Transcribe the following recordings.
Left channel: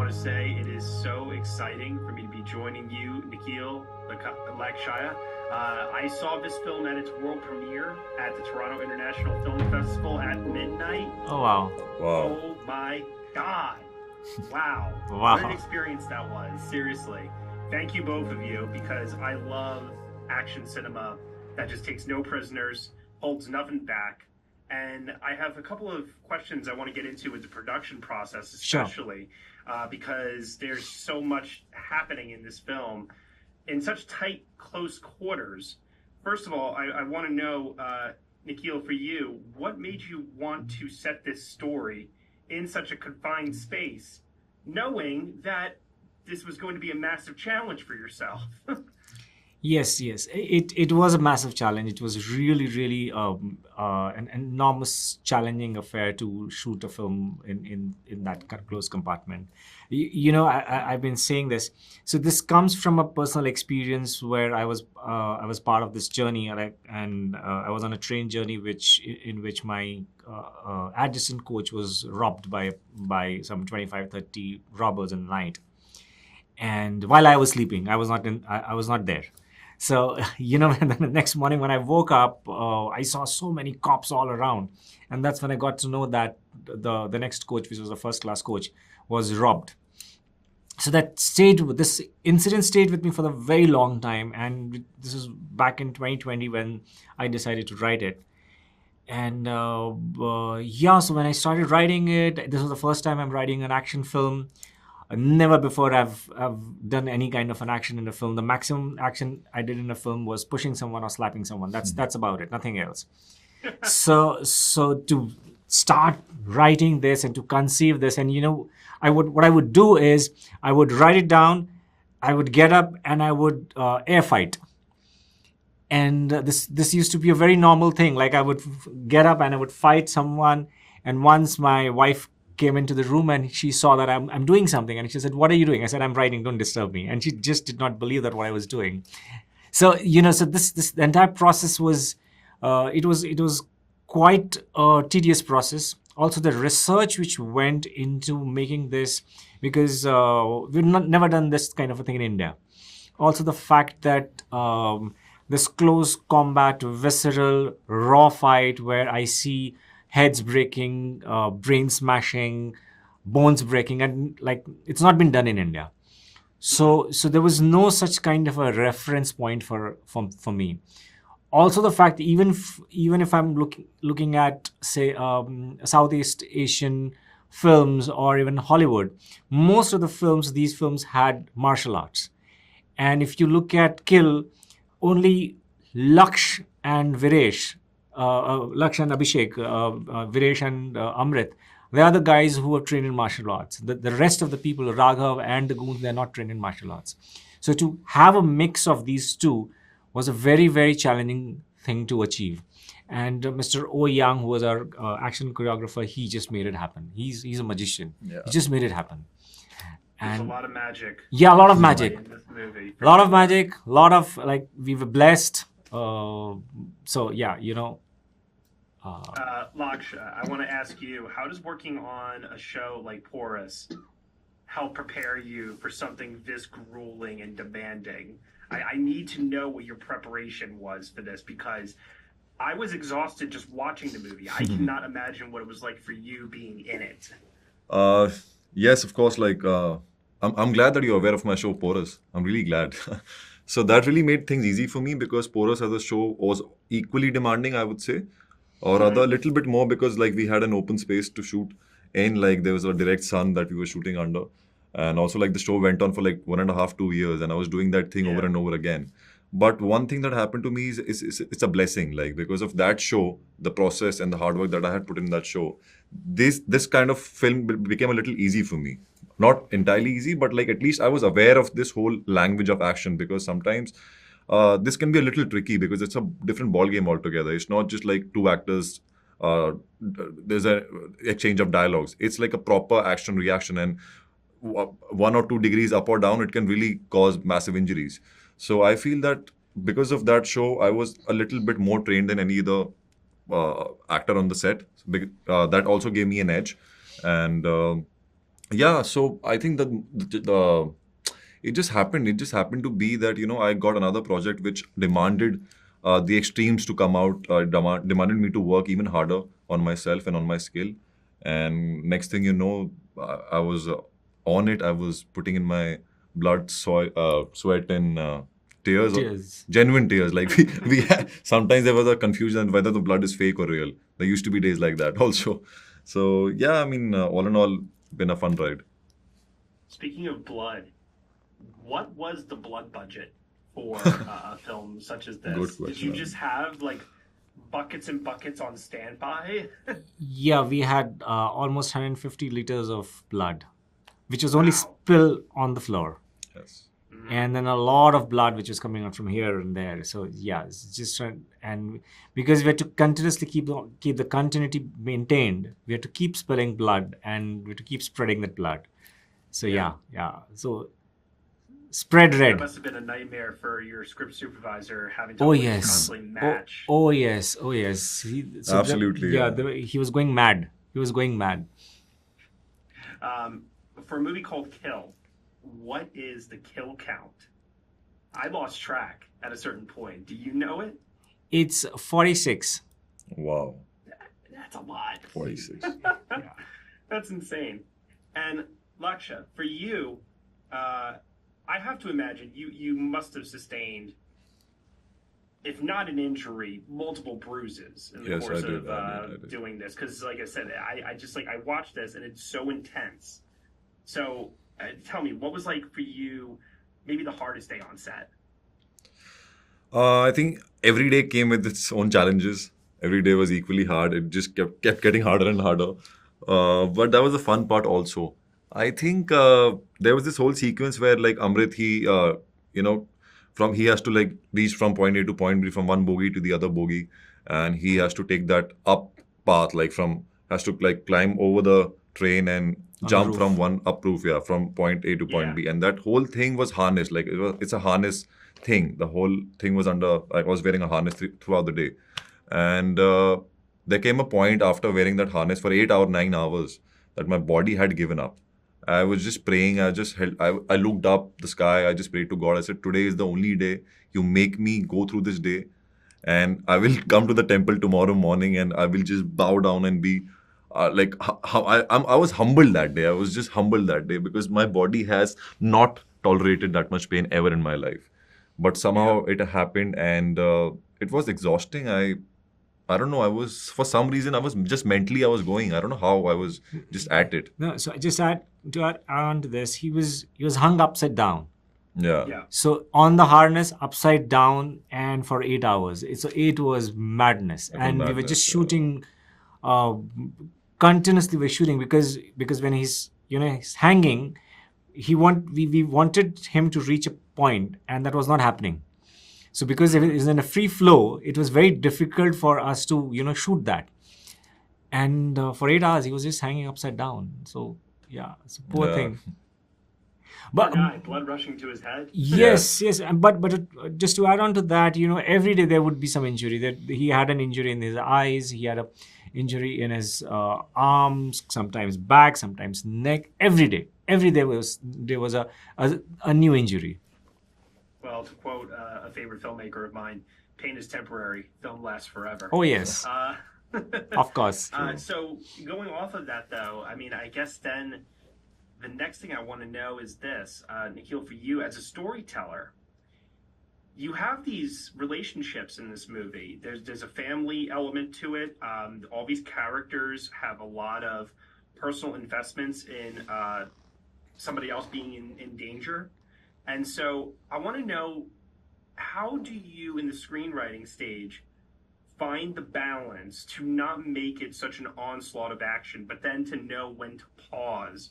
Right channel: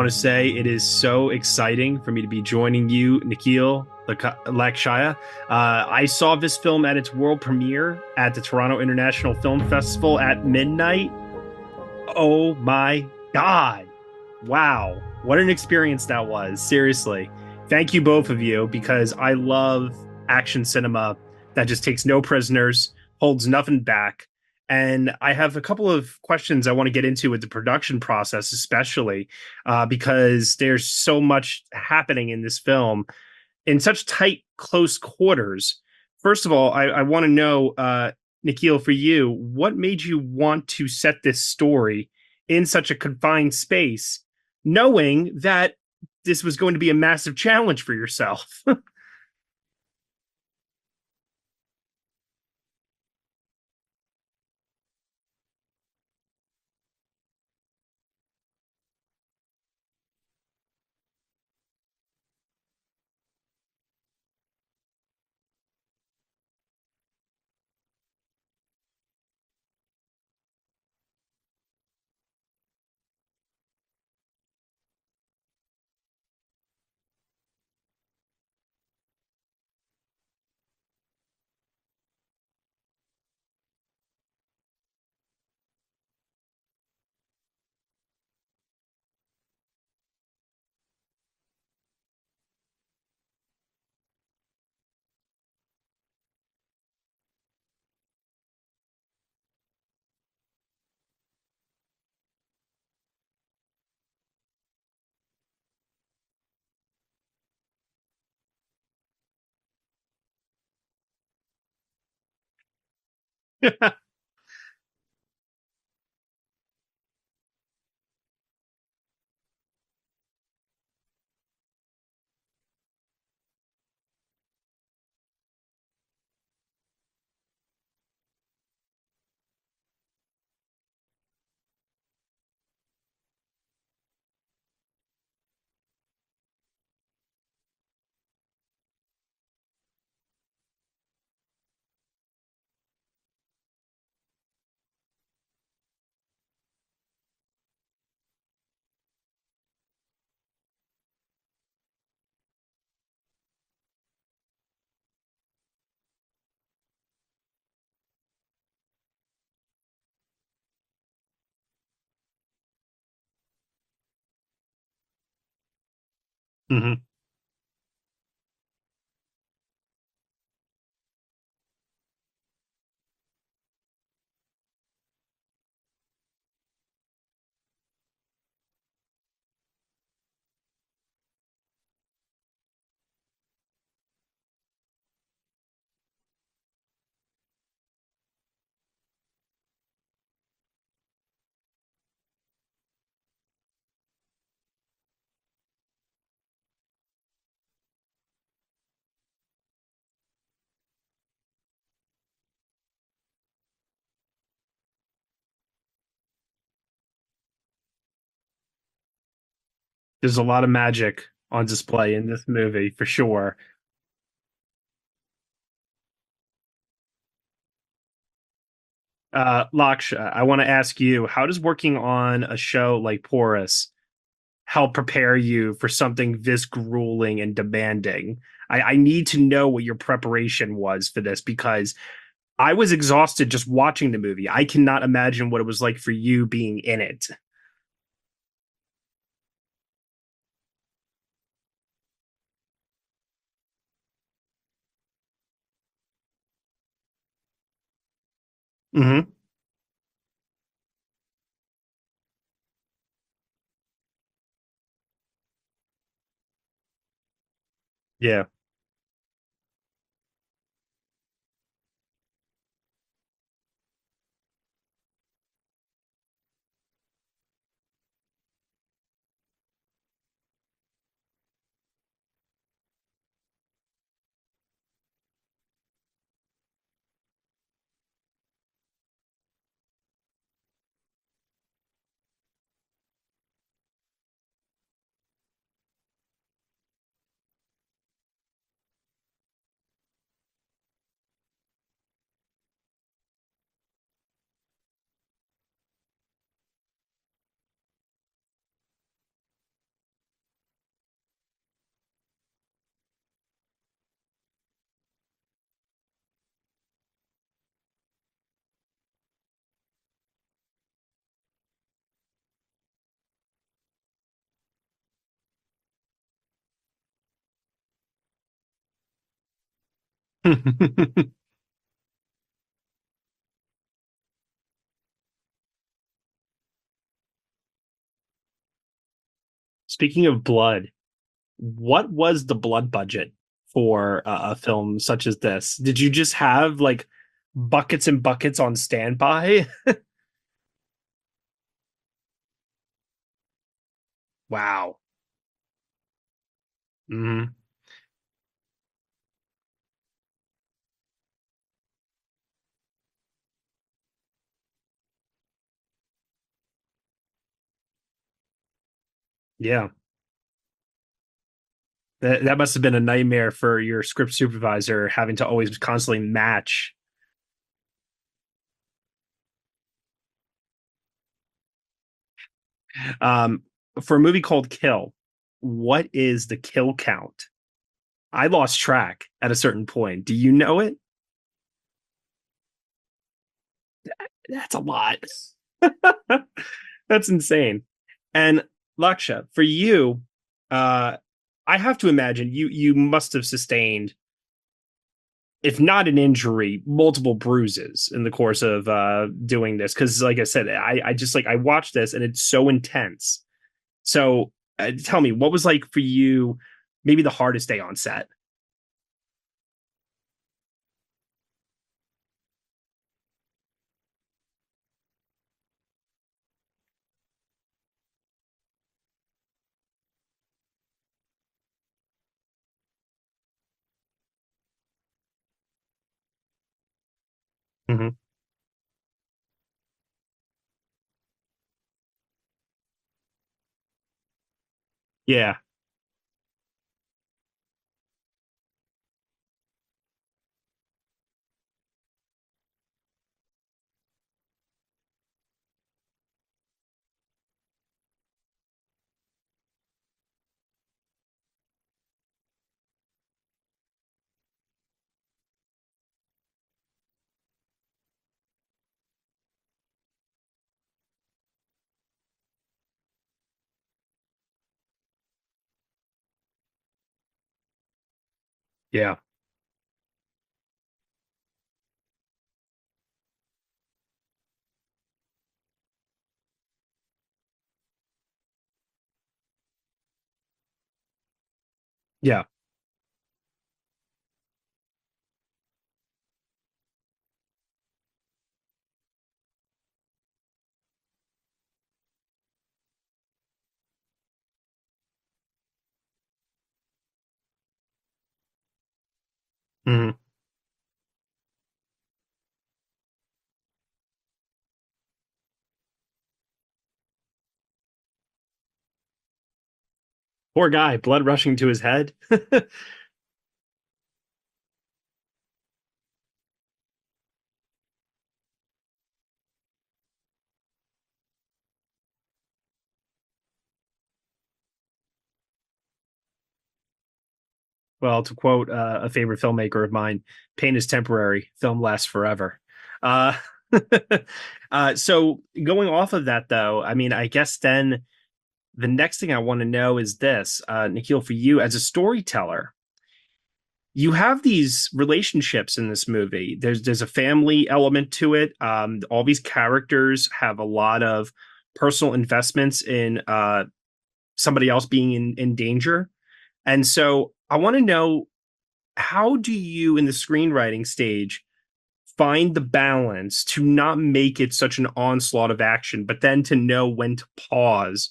want to say it is so exciting for me to be joining you, Nikhil Lakshya. I saw this film at its world premiere at the Toronto International Film Festival at midnight. Oh, wow. Wow. Oh my God. Wow. Wow. What an experience that was. Seriously. Thank you, both of you, because I love action cinema that just takes no prisoners, holds nothing back. And I have a couple of questions I want to get into with the production process, especially because there's so much happening in this film in such tight, close quarters. First of all, I want to know, Nikhil, for you, what made you want to set this story in such a confined space, knowing that this was going to be a massive challenge for yourself? Yes. It was a massive challenge. It was really an enormous, challenging affair to shoot a film in that close compartment. I've been saying this. So this comes from a personal experience where I was part of this journey, and I was on a train journey, in which my adjacent coach was robbed by some 25-30 robbers in the night. And while I was sleeping, I was not there. So, and then the next morning when I woke up, I saw so many cops all around. And that's when I got to know that the next coach, which was a first-class coach, was robbed. So this incident stayed with me for a very long time. And this was back in 2020 when I decided to write it. And so when I started writing it, this was the first time I'm writing an action film. Never before I've done any kind of an action in a film. The maximum action I did in a film was pushing someone or slapping someone. That's about it, nothing else. So to start writing this and to conceive this, and what I would do is I would write it down, I would get up and I would air fight. And this used to be a very normal thing. Like I would get up and I would fight someone, and once my wife came into the room and she saw that I'm doing something, and she said, "What are you doing?" I said, "I'm writing, don't disturb me." And she just did not believe that what I was doing. So this the entire process was it was quite a tedious process. Also the research which went into making this, because we've never done this kind of a thing in India. Also the fact that this close combat, visceral, raw fight where I see heads breaking, brain smashing, bones breaking, and like it's not been done in India. So there was no such kind of a reference point for me. Also the fact, even if I'm looking at say Southeast Asian films or even Hollywood, most of these films had martial arts. And if you look at Kill, only Lakshya and Viresh, Lakshya and Abhishek, Viresh and Amrit, they are the guys who are trained in martial arts. The rest of the people, Raghav and the goons, they're not trained in martial arts. So to have a mix of these two was a very, very challenging thing to achieve. And Mr. O Yang, who was our action choreographer, he just made it happen. He's a magician. Yeah. He just made it happen. There's a lot of magic. Yeah, a lot of magic in this movie. For a lot sure. of magic, a lot of we were blessed. So yeah, Lakshya, I want to ask you, how does working on a show like Porous help prepare you for something this grueling and demanding? I need to know what your preparation was for this, because I was exhausted just watching the movie. I cannot imagine what it was like for you being in it. Yes, of course. I'm glad that you're aware of my show Porous. I'm really glad. So that really made things easy for me, because Porous as a show was equally demanding, I would say, or rather a little bit more, because we had an open space to shoot in. There was a direct sun that we were shooting under, and also the show went on for 1.5, 2 years, and I was doing that thing over and over again. But one thing that happened to me is it's a blessing, because of that show, the process and the hard work that I had put in that show, this kind of film became a little easy for me. Not entirely easy, but at least I was aware of this whole language of action, because sometimes this can be a little tricky, because it's a different ball game altogether. It's not just two actors. There's an exchange of dialogues. It's a proper action reaction, and 1 or 2 degrees up or down, it can really cause massive injuries. So I feel that because of that show, I was a little bit more trained than any other actor on the set. That also gave me an edge. And Yeah, so I think that it just happened. It just happened to be that I got another project which demanded the extremes to come out. Demanded me to work even harder on myself and on my skill. And next thing you know, I was on it. I was putting in my blood, sweat, and tears, Cheers. genuine tears. Like sometimes there was a confusion whether the blood is fake or real. There used to be days like that also. So yeah, I mean, all in all, been a fun ride. Speaking of blood, what was the blood budget for a film such as Good this? Did you question. just have like buckets and buckets on standby? Yeah, we had almost 150 liters of blood, which was only Wow. spill on the floor. Yes. Mhm. And then a lot of blood which was coming out from here and there. So yeah, it's just and because we had to continuously keep the continuity maintained, we had to keep spilling blood and we had to keep spreading that blood. So Yeah. yeah. So spread That red. must have been a nightmare for your script supervisor having to Oh always yes. constantly match. Oh yes. Oh yes. Absolutely, Yeah. yeah. He was going mad. He was going mad. Um, for a movie called Kill, what is the kill count? I lost track at a certain point. Do you know it? It's 46. Wow. That's a lot. 46. That's insane. And Lakshya, for you, I have to imagine you must have sustained, if not an injury, multiple bruises in the Yes, course I did. of I did. doing this. Because, like I said, I just I watched this and it's so intense. So tell me, what was like for you? Maybe the hardest day on set. I think every day came with its own challenges. Every day was equally hard. It just kept getting harder and harder. But that was the fun part also. I think there was this whole sequence where like Amrit, you know, he has to like reach from point A to point B from one bogie to the other bogie, and he Mhm. has to take that up path like has to like climb over the train and On the jump from roof. one up roof, yeah, from point A to point Yeah. B, and that whole thing was harnessed. Like it's a harness thing. The whole thing was I was wearing a harness throughout the day, and there came a point after wearing that harness for 8 hours, 9 hours that my body had given up. I was just praying. I just held. I looked up the sky. I just prayed to God. I said, "Today is the only day. You make me go through this day, and I will come to the temple tomorrow morning, and I will just bow down and be." Like how I was humbled that day. I was just humbled that day because my body has not tolerated that much pain ever in my life, but Yeah. somehow it happened, and it was exhausting. I don't know. I was for some reason I was just mentally I was going. I don't know how I was just at it. No, so just add on to this, he was hung upside down. Yeah. Yeah. So on the harness, upside down, and for 8 hours. It was madness, It was and we were just madness. Yeah. shooting, uh, continuously. We're shooting because when he's hanging, we wanted him to reach a point, and that was not happening. So because it Mhm. is in a free flow, it was very difficult for us to shoot that. And for 8 hours, he was just hanging upside down. So yeah, it's a poor Yeah. thing. Poor But guy, blood rushing to his head. yes, yes, but just to add on to that, every day there would be some injury. That he had an injury in his eyes, he had a injury in his arms, sometimes back, sometimes neck. Every day there was a new injury. Well, to quote a favorite filmmaker of mine, pain is temporary, film lasts forever. Oh yes, Uh, of course. so going off of that, though, I mean, I guess then the next thing I want to know is this, Nikhil, for you as a storyteller, you have these relationships in this movie. There's a family element to it. All these characters have a lot of personal investments in somebody else being in danger. And so I want to know, how do you in the screenwriting stage find the balance to not make it such an onslaught of action, but then to know when to pause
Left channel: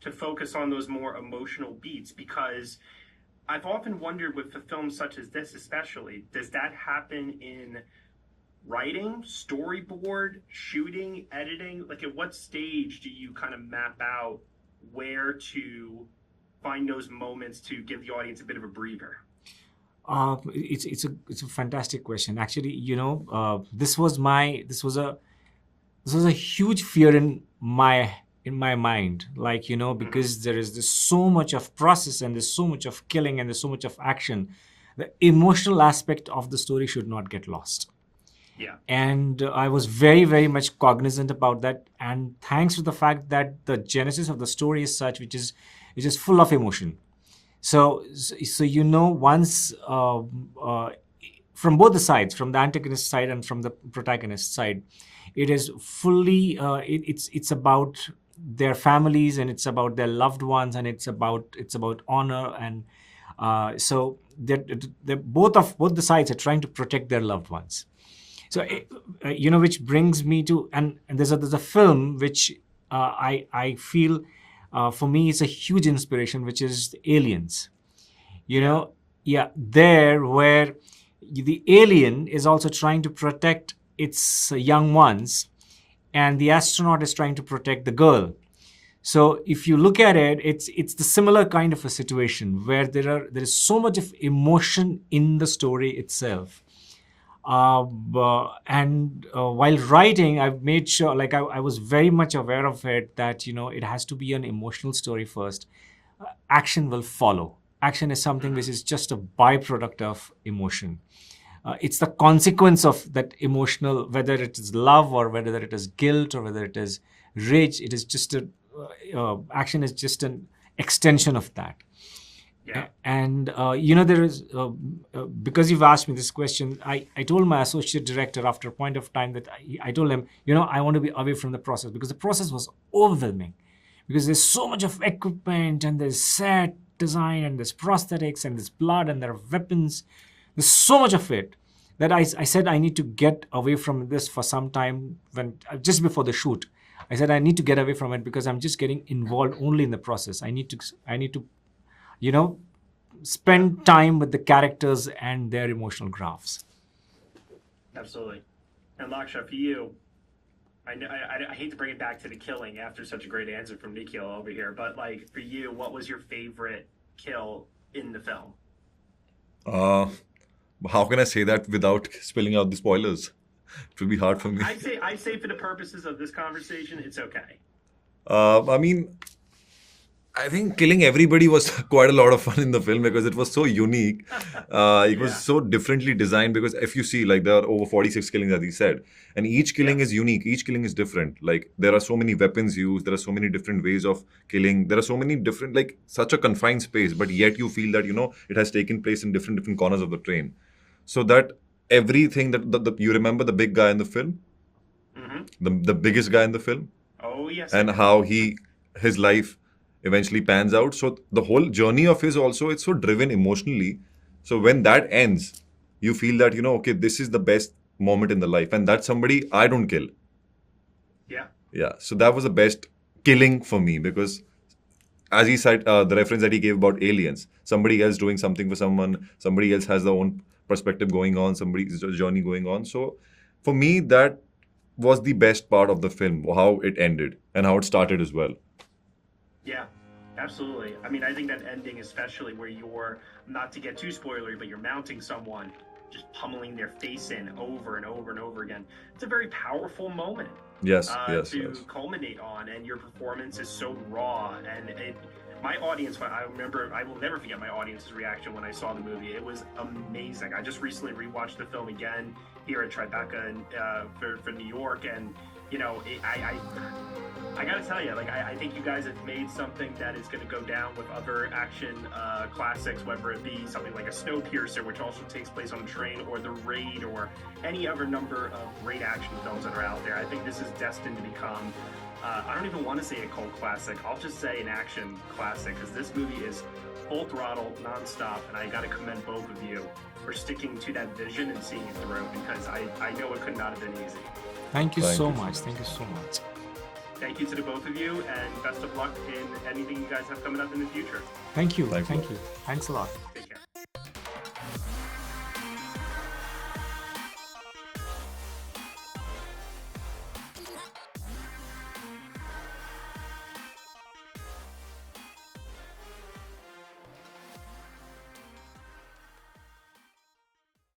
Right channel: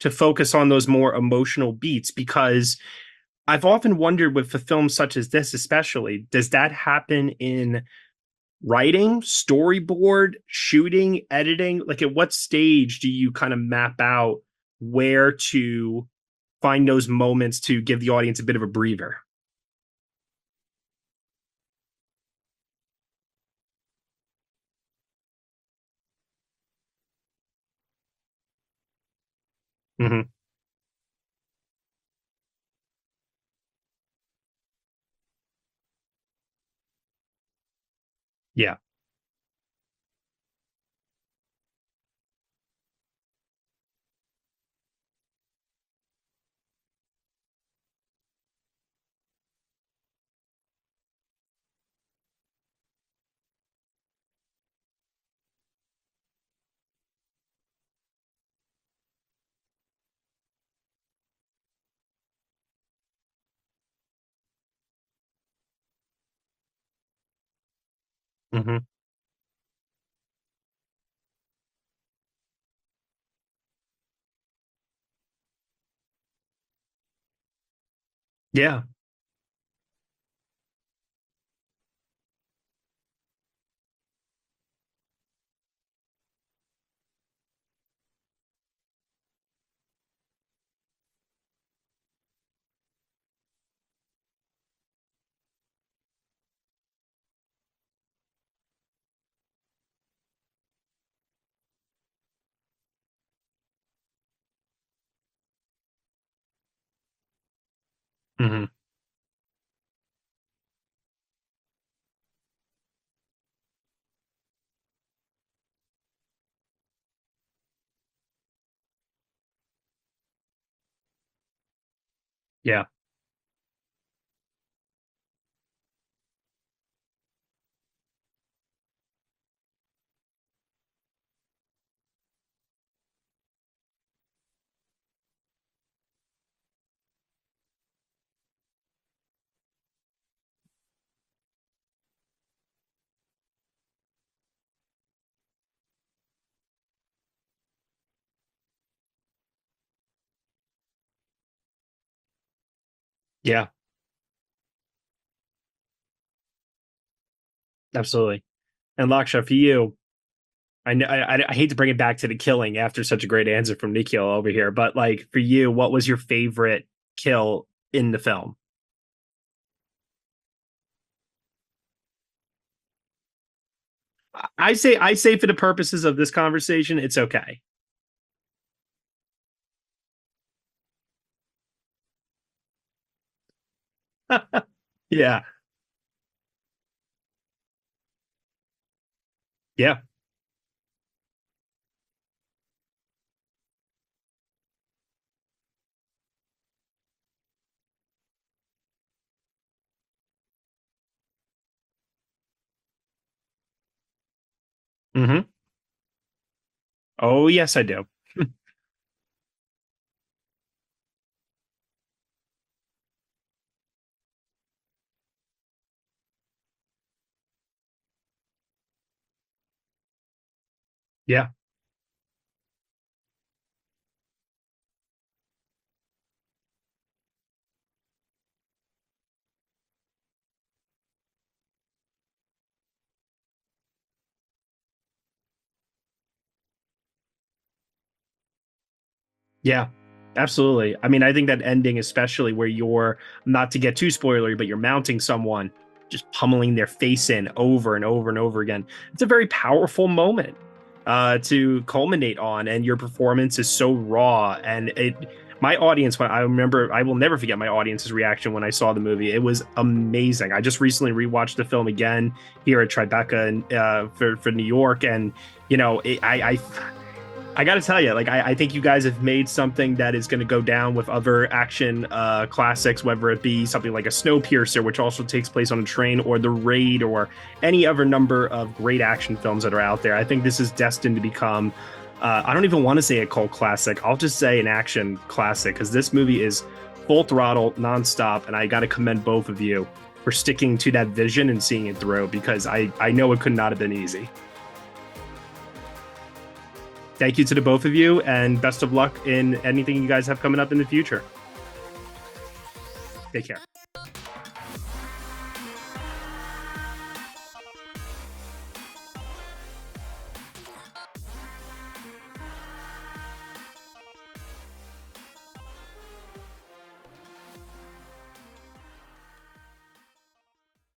to focus on those more emotional beats? Because I've often wondered with a film such as this, especially, does that happen in writing, storyboard, shooting, editing? Like, at what stage do you kind of map out where to find those moments to give the audience a bit of a breather? It's a fantastic question. Actually, this was a huge fear in in my mind, like, Mm-hmm. because there is this so much of process and there's so much of killing and there's so much of action. The emotional aspect of the story should not get lost. Yeah. And I was very, very much cognizant about that. And thanks to the fact that the genesis of the story is such, which is full of emotion. So once from both the sides, from the antagonist side and from the protagonist side, it is fully it's about their families, and it's about their loved ones, and it's about honor, and so they're both the sides are trying to protect their loved ones. So Mm-hmm. which brings me to, and there's a film which I feel for me it's a huge inspiration, which is Aliens. Yeah. There where the alien is also trying to protect its young ones, and the astronaut is trying to protect the girl. So if you look at it, it's the similar kind of a situation where there is so much of emotion in the story itself. And while writing, I've made sure, like I was very much aware of it, that it has to be an emotional story first. Action will follow. Action is something Mm-hmm. which is just a byproduct of emotion. It's the consequence of that emotional, whether it is love or whether it is guilt or whether it is rage. It is just action is just an extension of that. Yeah. And there is because you've asked me this question, I told my associate director after a point of time that I told him, I want to be away from the process, because the process was overwhelming, because there's so much of equipment, and there's set design, and there's prosthetics, and there's blood, and there are weapons. There's so much of it that I said I need to get away from this for some time. When just before the shoot, I said I need to get away from it, because I'm just getting involved only in the process. I need to spend time with the characters and their emotional graphs. Absolutely. And Lakshya, for you, I hate to bring it back to the killing after such a great answer from Nikhil over here, but like for you, what was your favorite kill in the film? How can I say that without spilling out the spoilers? It will be hard for me. I say for the purposes of this conversation, it's okay. I mean, I think killing everybody was quite a lot of fun in the film, because it was so unique. It was so differently designed, because if you see, like, there are over 46 killings, as he said, and each killing is unique. Each killing is different. Like, there are so many weapons used. There are so many different ways of killing. There are so many different, like, such a confined space, but yet you feel that, it has taken place in different corners of the train. So that everything that you remember the big guy in the film, the biggest guy in the film. Oh, yes, and I do. how his life eventually pans out. So the whole journey of his also, it's so driven emotionally. So when that ends, you feel that, okay, this is the best moment in the life. And that's somebody I don't kill. Yeah. Yeah. So that was the best killing for me, because as he said, the reference that he gave about aliens, somebody else doing something for someone, somebody else has their own perspective going on, somebody's journey going on. So for me, that was the best part of the film, how it ended and how it started as well. Yeah, absolutely. I mean, I think that ending, especially where you're, not to get too spoilery, but you're mounting someone, just pummeling their face in over and over and over again. It's a very powerful moment. Yes. To culminate on, and your performance is so raw, and my audience, I remember, I will never forget my audience's reaction when I saw the movie. It was amazing. I just recently rewatched the film again here at Tribeca and for New York, and I got to tell you, like, I think you guys have made something that is going to go down with other action classics, whether it be something like a Snowpiercer, which also takes place on a train, or The Raid, or any other number of great action films that are out there. I think this is destined to become, I don't even want to say a cult classic. I'll just say an action classic, because this movie is full throttle, nonstop, and I got to commend both of you for sticking to that vision and seeing it through, because I know it could not have been easy. Thank you so much. Thank you so much. Thank you to the both of you, and best of luck in anything you guys have coming up in the future. Thank you. Thank you. Thanks a lot. Take care.